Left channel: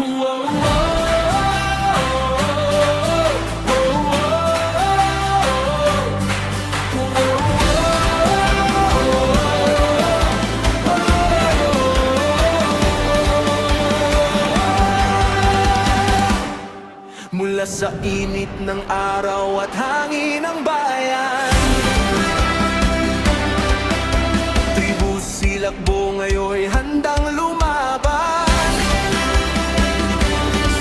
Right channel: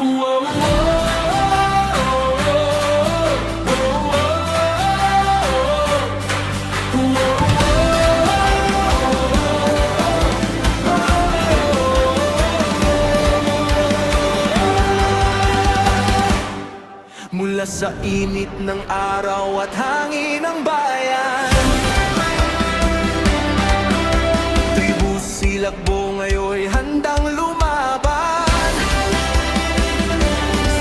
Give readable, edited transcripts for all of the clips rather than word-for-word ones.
Whoa, mula sa init ng araw at hangin ng bayan, tribu silakbo ngayon'y handang lumaban.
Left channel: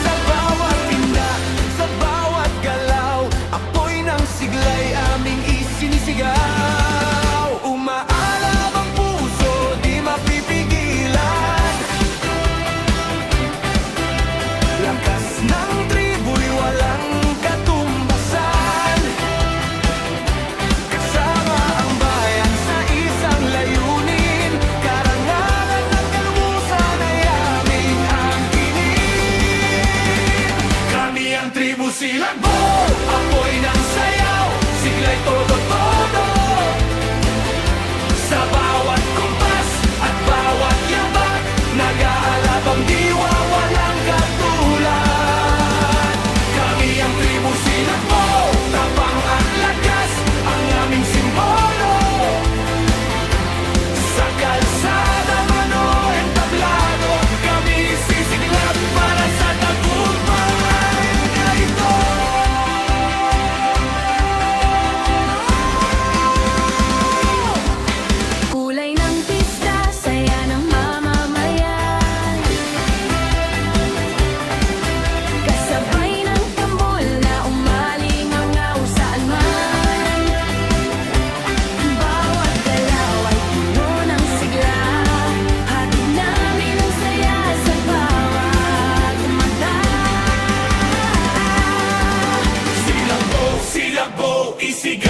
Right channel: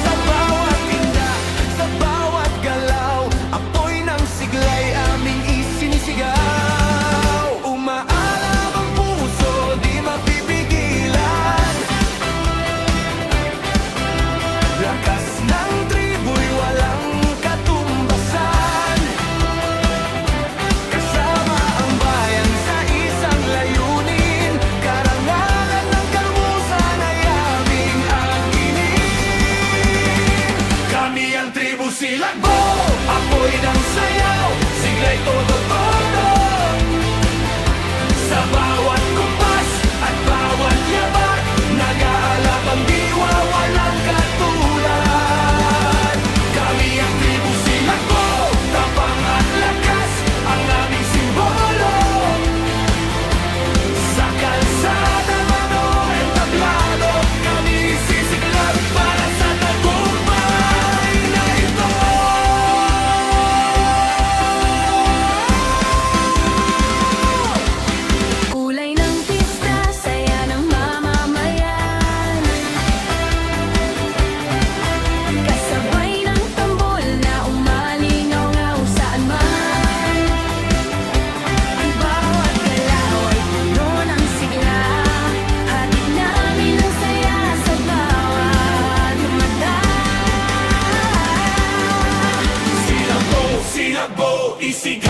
Sa bawat tinda, sa bawat galaw, apoy ng siglay aming isinisigaw. Umaalab ang puso, di mapipigilan. Lakas ng tribu'y walang katumbasan. Kasama ang bayan sa isang layunin, karangalan ng kalumusan ay aming angkinin. Kami ang tribu silakbo, apoy ng sayaw, siglay todo-todo. Sa bawat kumpas at bawat yabat, nag-aalab ang diwa, walang katulad. Kami ang tribu silakbo, tapang at lakas, ang aming simbolo. Sa kalsada man o entablado, kami sisiklab para sa tagumpay na ito. Kulay ng pista, saya ng mamamayan, kasabay ng tambol na umalingaw-ngaw saan man. Bawat galaw ay puno ng sigla, hatid namin ang saya sa bawat mata. Silakbo, silakbo, isigaw.